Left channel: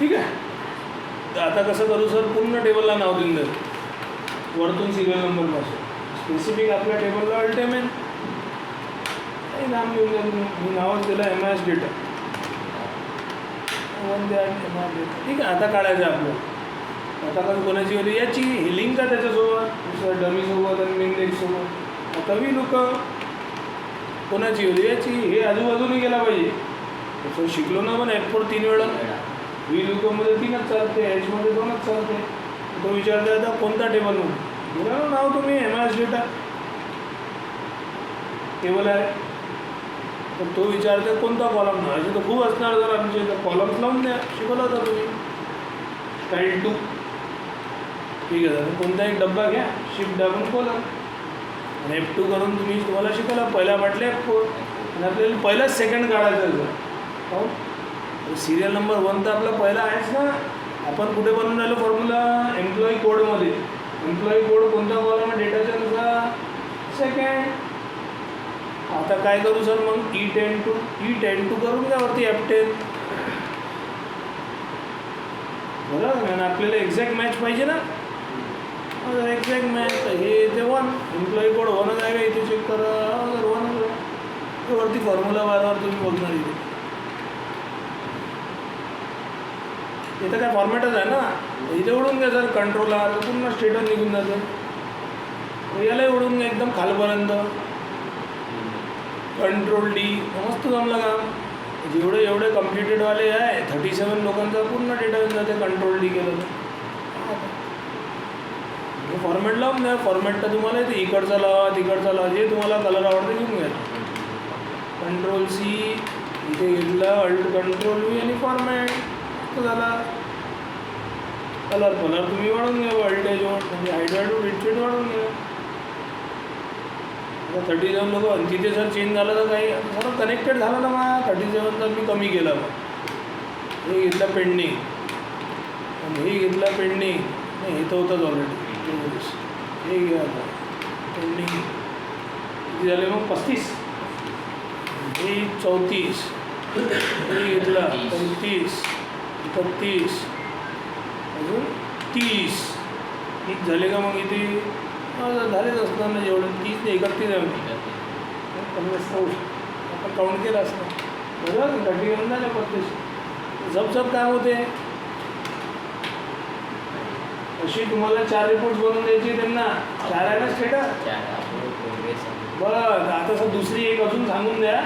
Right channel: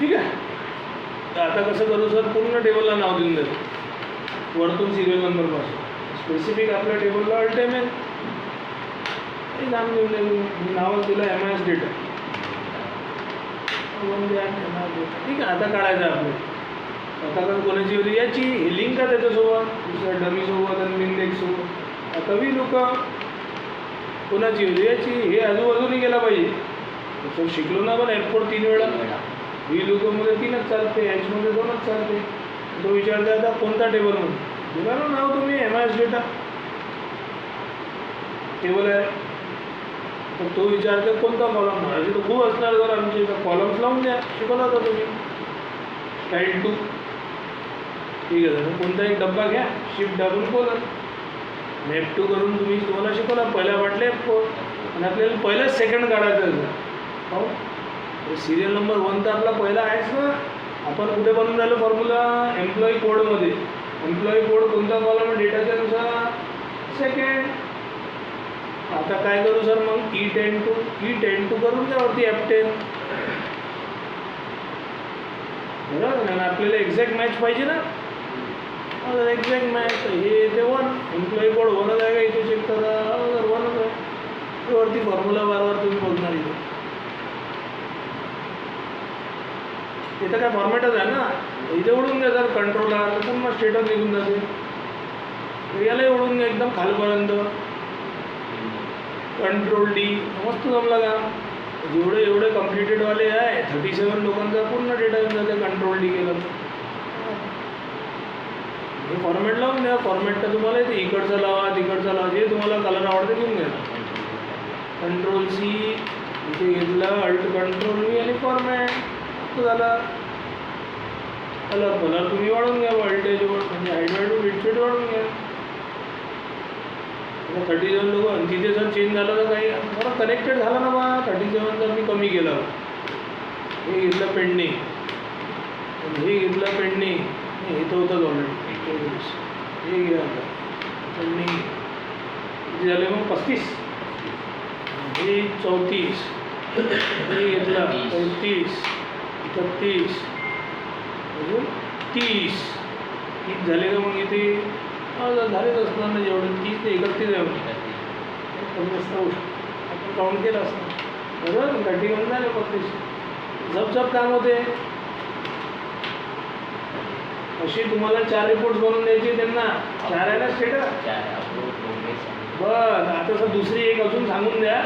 ठीक आहे. तर आता कसं करू सर, पूर्ण टेबलला नाव देऊन देतो वरतून सिरियल नंबरपासून. स्पेसिफिक आपल्या टेबलला अल्टिमेट काही नाम घेऊन द्या. मी नावच दिलं MIS डेटा. ठीक आहे. आता काढायचं आपलं. आता कारण कोणाची होती याची ही लिंक आहे त्याच्यासोबत, दुसऱ्या डमीसोबत आणि मिनलेटसोबत. आता वी लोक कोणाची होती याची, हे आजूबाजूने गेला पाहिजे. तसं शिकलो ना आपण F4 3 वेळा. वी लोकमध्ये 3च चालते, Hमध्ये 2च चालते. तो विचारता आता कोणता टेबल म्हणून दिला ना नाव तुम्ही MIS डेटा टेबल आहे. तर तो विचारतो कोणता कॉलम. असे तर खूप असणार. जर आमचे इथं कॉलम्स लावून द्या, शिकवला तर तुम्ही स्टाईल 2. ठीक आहे. तर कोणता एक डब्बा घ्या, शिफ्ट दाबून कॉलम F2 करून तुम्ही तुम्हाला शिकवला. पहिल्या वाटले F4 आणि आपल्याला पहिलाच सेकंड काढायचं आहे. हो, सिरियल नंबर 1 तर आपला पहिला आहेच ना. आपण कुठे बनवून राहिलो फॉर्म्युला, एम्प्लॉई कोडमध्ये. एम्प्लॉई कोड कोणता कॉलम आहे डेटाच्या नुसार, सेकंड. आता काय करू सर मग, E10 to करून द्या वरती F10. बरोबर ना. आपल्याला एक्झॅक्ट मॅच पाहिजे ना. एक्झॅक्ट मॅच हे ते 1 एम्प्लॉई कोड 1च आहे का इथे चेक करा. 1 वरती फॉर्म्युला वारंवार तुम्ही बघणार इथे. इथं काय फॉर्मॅटच आहे ना. इथे उडून द्या सर कंट्रोल R, पूर्ण स्टेटस निघून जातो. यालाही उडून द्या एकदम खालपर्यंत. Control D. मस्त जमलं काम. जेवढे एवढे कम्प्लिटेडवाले आहे 37 लोकांचा पूर्ण डेटा येऊन जाते कंट्रोल D केलं तर. फॉर्मॅट लावून द्या. फॉर्मॅट तर तुम्हाला इथे इकडचा लावा, तिकडचा लावा, जे तुम्हाला कलर आवडतो घेऊन घ्या. कंट्रोल C इथे घेतला, अल्ट कंट्रोल V आणि फॉर्मॅट झाला. कलर तुम्ही वाढवून घ्या. वोल्टेज म्हणजे हाईट वाढवून घ्या. आता 37 लोक आणि तिथे जर चेंज झालं तर काही बरं कनेक्टेड झालं ना मग 37 तर मी कमी केला. हे घेतलं पेंडिंग आणि हे घेतलं पेंडिंग. नाही हे तर होतंच ऑलरेडी. हे घ्या आता पेंडिंग. किती झाले मग 35. हे 34. हे घेतला 35, 31, अजून 30. 30 झाले का मग इथे झालेच असणार ना. जेवढे 30 ते 31 आहे. आपण काउंट केलं असतं बरोबर. 31 झालं 35. सब काम होते. अशी तुम्हाला 4 रिपोर्ट्स बनवून द्यायची त्यांना. 4 आहे ना स्टेटस. बरं आता सर दुसरी एक अजून सांगून द्या.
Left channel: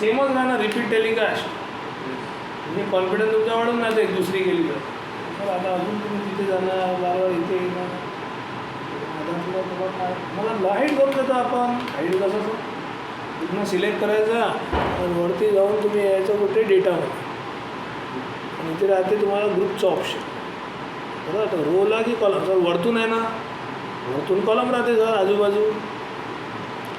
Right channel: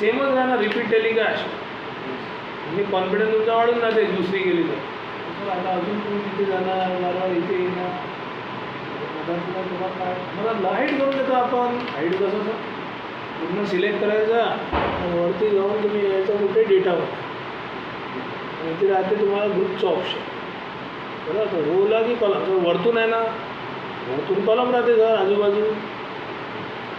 सेमच ना रिपीट टेलिकास्ट. म्हणजे कॉन्फिडन्स तुमचा वाढून जाते दुसरी केली तर. सर आता अजून तुम्ही तिथे जाणार वारंवार इथे येणार. मला हाईट करून देतो आपण. हाईट कसं सर पूर्ण सिलेक्ट करायचं आणि वरती जाऊन तुम्ही यायचं कुठे डेटावर आणि इथे राहते तुम्हाला ग्रुपचं ऑप्शन. बरं आता रोला की कॉलम. सर वरतून आहे ना, वरतून कॉलम राहते सर आजूबाजू.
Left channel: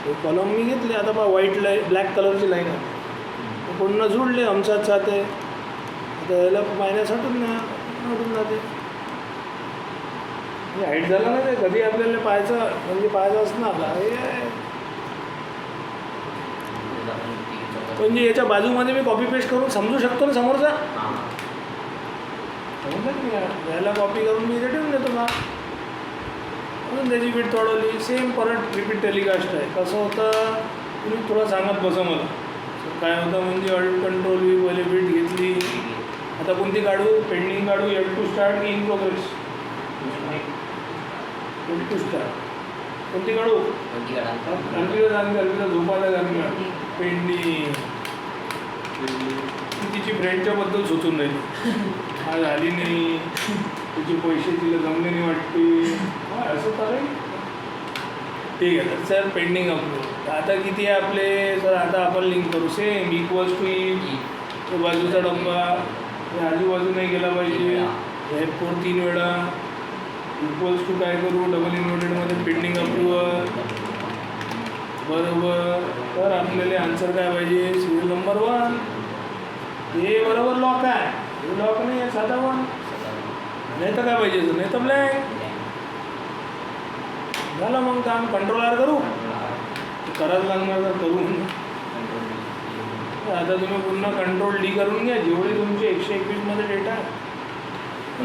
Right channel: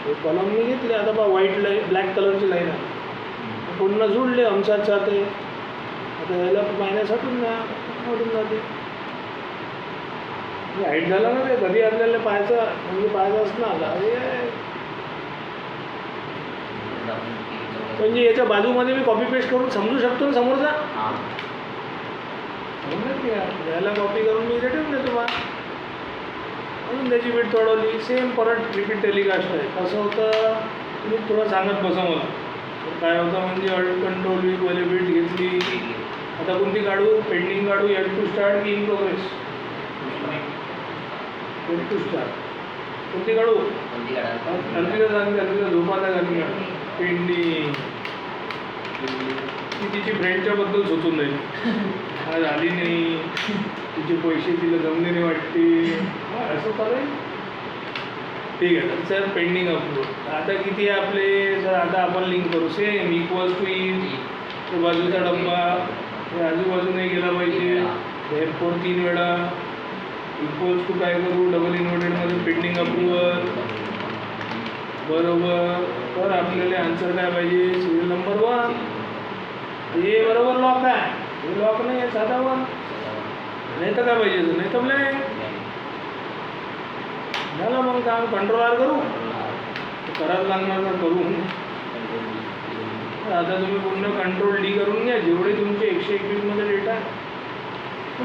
हे कॉलम मी घेतले. आता बा व्हाईट लाईन ब्लॅक कलरची लाईन आहे पूर्ण जुळले आमच्याच जाते. आता याला पाहण्यासाठी मोडून जाते. हाईट झालं ना ते कधी आपल्याला पाहायचं म्हणजे पाहायचं असणार. म्हणजे याच्या बाजूमध्ये मी कॉपी पेस्ट करून समजू शकतो ना समोरचा. याला कॉपी करून मी इथे ठेवून देतो मग. म्हणून त्याची बीट तोडवली. सेम परत रिपीट टेलिकास्ट आहे. कसं होतं तुम्ही थोडं सांगत बसा मला काय होतं. म्हणजे अल्ट कंट्रोल V पहिले बीट घेतली. आता कोणती काढू, पेंडिंग काढू, L2 स्टार्ट की इन प्रोग्रेस. L2 start. कोणती काढू, अर्पिता सांगते. अर्पिता झोपायला सांगते. पेंडिंग ती तिची फ्रेंडच्याबद्दल सुचून नाही. आज आली नाही, तिचे पैसे तिला जमले नाही वाटते. असं चालेल. ठीक आहे सर. Pending approve. आता किती आहे आपले सर. आता आपण लिंक करू. सेम इक्वल्स टू इन बाजूचा डब्बा आजूबाजू नाही गेला पाहिजे. F4 3 वेळा. इक्वल्स टू काय करू, डबल इन्व्हर्टेडमध्ये पेंडिंग अप्रूव्हल. बरोबर. तर आपल्याला आन्सर काय पाहिजे, सिरियल नंबर 1. हे बरोबर लॉक आहे. हे लॉक नाही आहे, साधा 1. नाही तर काय पाहिजे, नाही तर ब्लँक. झालं मग काम. कंट्रोल R करू करायला लागणार तर करू. आता तुम्ही पूर्ण कंट्रोल D करून घ्या. जेवढे तुमचे 121 मध्ये डेटा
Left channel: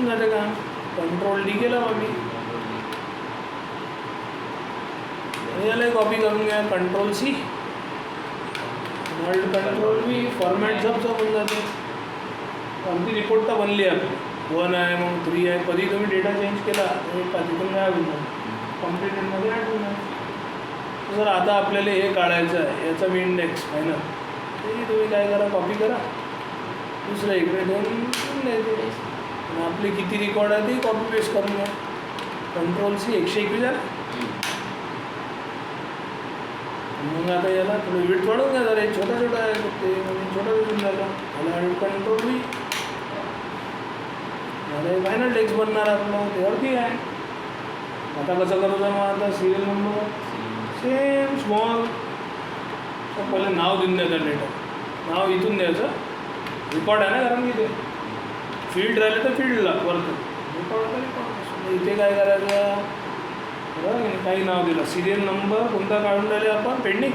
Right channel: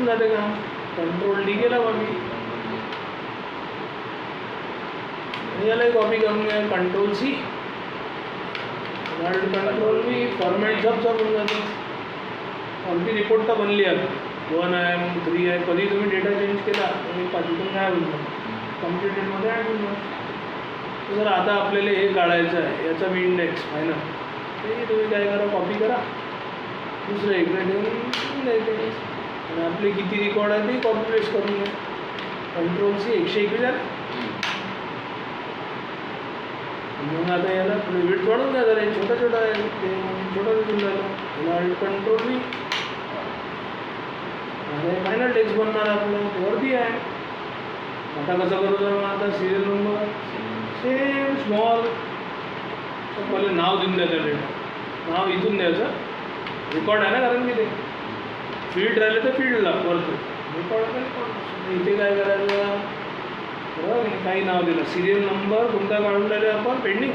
होऊन जाते का कंट्रोल डी केला कॉपी. यालाही कॉपी करून घ्या control C control V format सब होऊन जाते. आमची रिपोर्ट तर बनली आहे 1 आहे मग 3 आहे. कधी तुम्ही डेटा चेंज केला तर तिथून काय होऊन जातं कॉम्प्युटरमध्ये ॲड होऊन जातं. जर आता आपल्याला हे काढायचं आहे याचा मी इंडेक्स आहे ना ते तुम्ही काय करा कॉपी करा दुसऱ्या इकडे देऊन द्यायचं. आणि आपले किती रेकॉर्ड आहे ते कॉपी पेस्ट करून घ्या कंट्रोल सी 121 आहे. मग आता याला विड्थ वाढवून द्या जरा छोटा छोटा आहे ते छोटा दिसून झालं याला कंट्रोल व्ही आणि फायनल टेक्स्ट बनणार आपलं वरती आहे. आता कसं करू मग आता सिरियल नंबर सेम स्मॉल पहिले नाव देऊन द्यायचं डेटा नाव इथून द्यायचं रेकॉर्ड आहे ना कारण की ते फील्ड राहिले तर फील्डला वरतो रेकॉर्ड इथे काय करायचं बरं काही नाव दिलं सिरियल नंबर कोणता काढून राहिले आपण पेंडिंग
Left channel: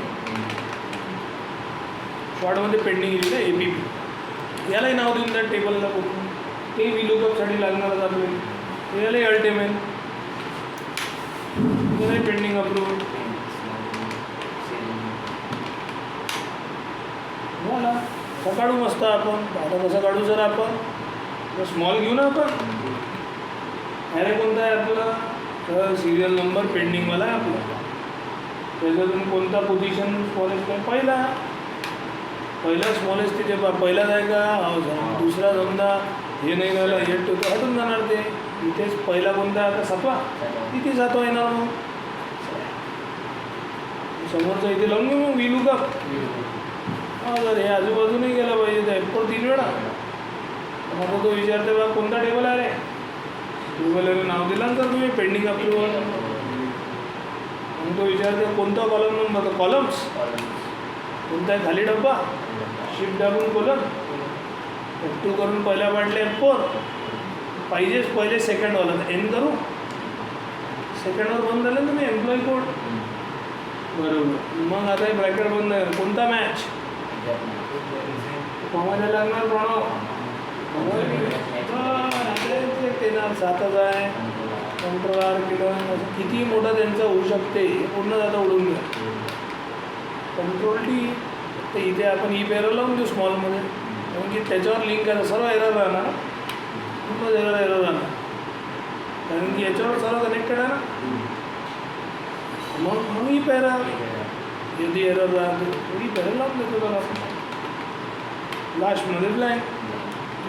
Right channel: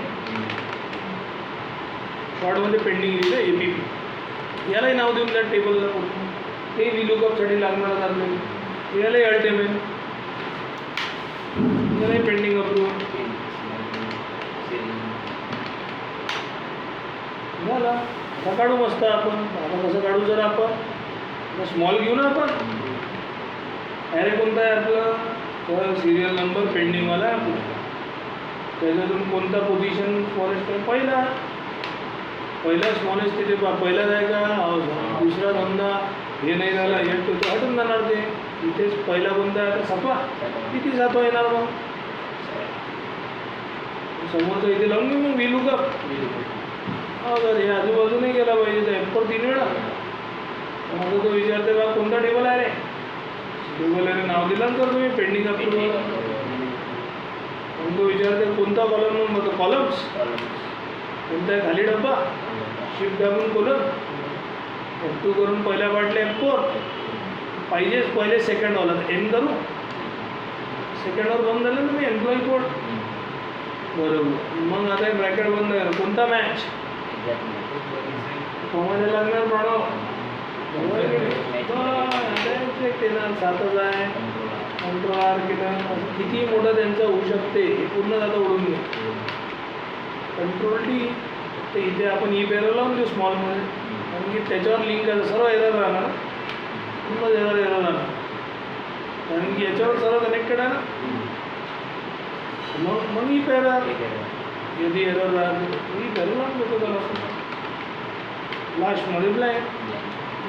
शॉर्टमध्ये पेंडिंग लिहिले APP यालाही नाव देऊन द्या टेबलला कुठून ते VLOOKUPसाठी लागणार आपल्याला यालाही अल्टिमेट यालाही पेंडिंग अप्रूव्ह झाला. कसा काढू मस्त आपण आता कसं काढू जर आपण स्मॉल घेऊ ना आपण अरे कोणता आहे आपला तर सिरियल नंबर पेंडिंगवाला आहे आपला त्याच्यातून कोणता पोझिशन स्मॉलेस्ट पहिला स्मॉलेस्ट तिथे पहिलाच आहे का दुसरा समजा हे नाही झालं हे तो हटून जाणार ते इथेच पहिला कोणता आहे आता सपला किती जातो येणार मग समोरचं इथे लावून घेऊ मग VLOOKUP जर हे आजूबाजूनही गेला पाहिजे तर F4 3 वेळा मग तो विचारते बा कोणता टेबल आहे रे टेबल रे नाव दिलं तर तुम्ही पेंडिंग अप्रूव्हल मग तो विचारते कोणता कॉलम नंबर तो कॉलम्स कोणता आहे खाली डब्बा शिफ्ट दाबून कॉलम F2 करून पहिल्या पार्टला F4 पाहिजेच पहिले सेकंडवाला एन करू सेकंडवर बंद झालं तुम्ही एम्प्लॉई कोड बरोबर. मग आता ब्रॅकेट बंद आहे कोणता मॅच कोणाला लागणार प्रणव देणार 7च आहे कंट्रोल आर किती मोठा त्यांचा होऊ शकते हे पूर्ण आता उडून घ्या कंट्रोल डी तर इथे आपण ई पेरं लावून देऊ स्मॉलमध्ये कारण की त्याच्यावर लिंक आहे सर्व एरर राहणार पूर्ण एरर राहणार कारण की याच्यावर सर्व कनेक्टेड आहे ना मग ई पेरा यदि एरर राहते ई पेरं लावून देतो जरा लास्टमध्ये ब्लँक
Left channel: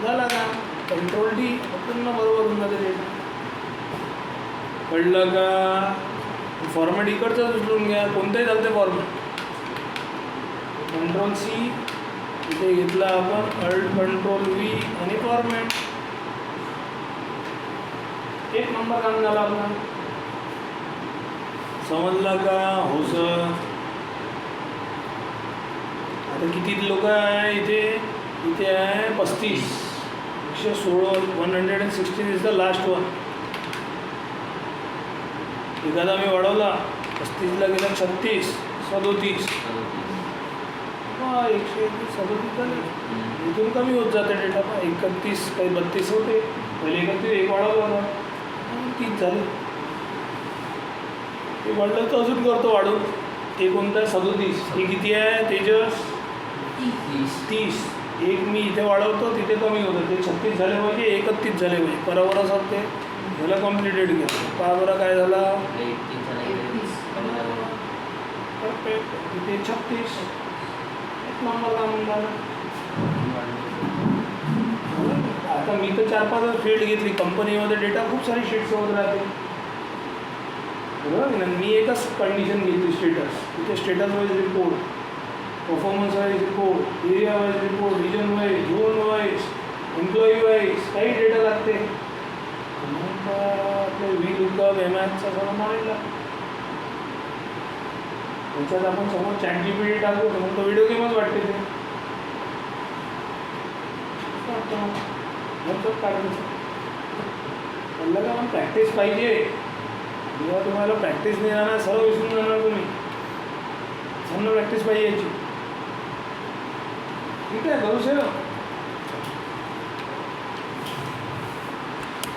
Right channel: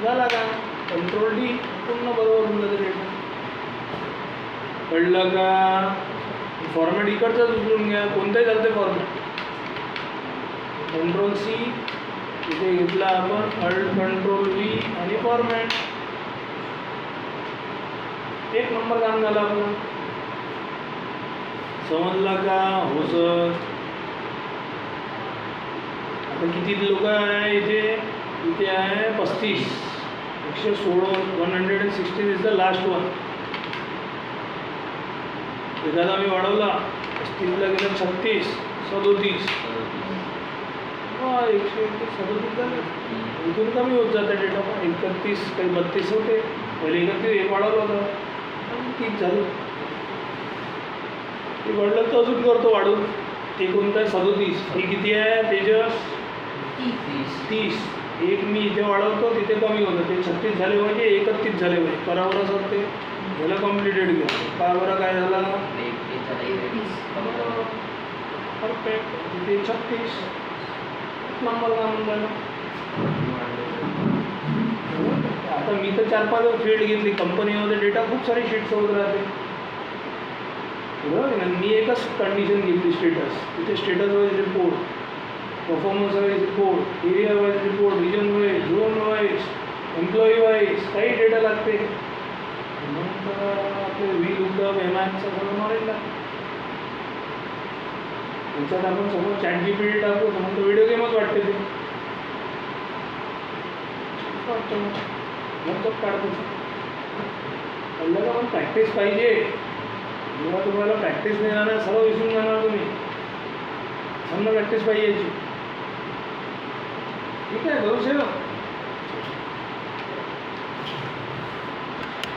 झाला का कंट्रोल डी पूर्ण बरोबर होऊन जाते डेटा कळलं का. फॉर्मॅट इकडचंच उचलून घ्या कोणताही चालते फॉर्मॅट कंट्रोल सी इथे घेतला आपण अल्ट कंट्रोल व्ही आणि फॉर्मॅट 1 नंबर काम झाला आपला समजला का हो सर. आता किती लोक आहे इथे आहे 35 116 116 इज द लास्ट वन. एखादा मी वाढवला 35ला गेला 36 37 137 झाले इथून कमी होत जातं डेटा 31 काही 32 होते पहिले 31 एक वाढवला होता 30 झाले ते वाढलं तर अजून करतो वाढून ते कोणतं आहे 37 हे किती आहे तेजस 30 एक मी इथे वाढवतो तिथे कमी होतं ते 36 झाले पाहिजे 31 झाले पाहिजे बरोबर असं ते मला कॉम्प्लिटेड केलं का बरं काय झाला परफेक्ट तिथे 36 नंबर का म्हणतात. आता मी तर 4-5 फील्ड घेतली कंपनीमध्ये डेटा खूप सारी शीट्स होत राहते बरोबर मी एकच कंडिशन घेतली स्टेटस तिथे status wise report performance wise report area wise report region wise zone wise employee wise काही डेटा लागते आपले VLOOKUP MAXचा सगळं नॉलेज लागतं. त्याच्यात आपण समोर ChatGPT टाकू तर तो व्हिडिओ गेमच वाटते ते लॅपटॉप काढतो कळलं का. प्रॅक्टिस पाहिजे जेव्हा तुम्हाला प्रॅक्टिस नाही जाणार सर्व विसरून जाणार तुम्ही समजा प्रॅक्टिस पाहिजे याची ठीक आहे करू शकतो.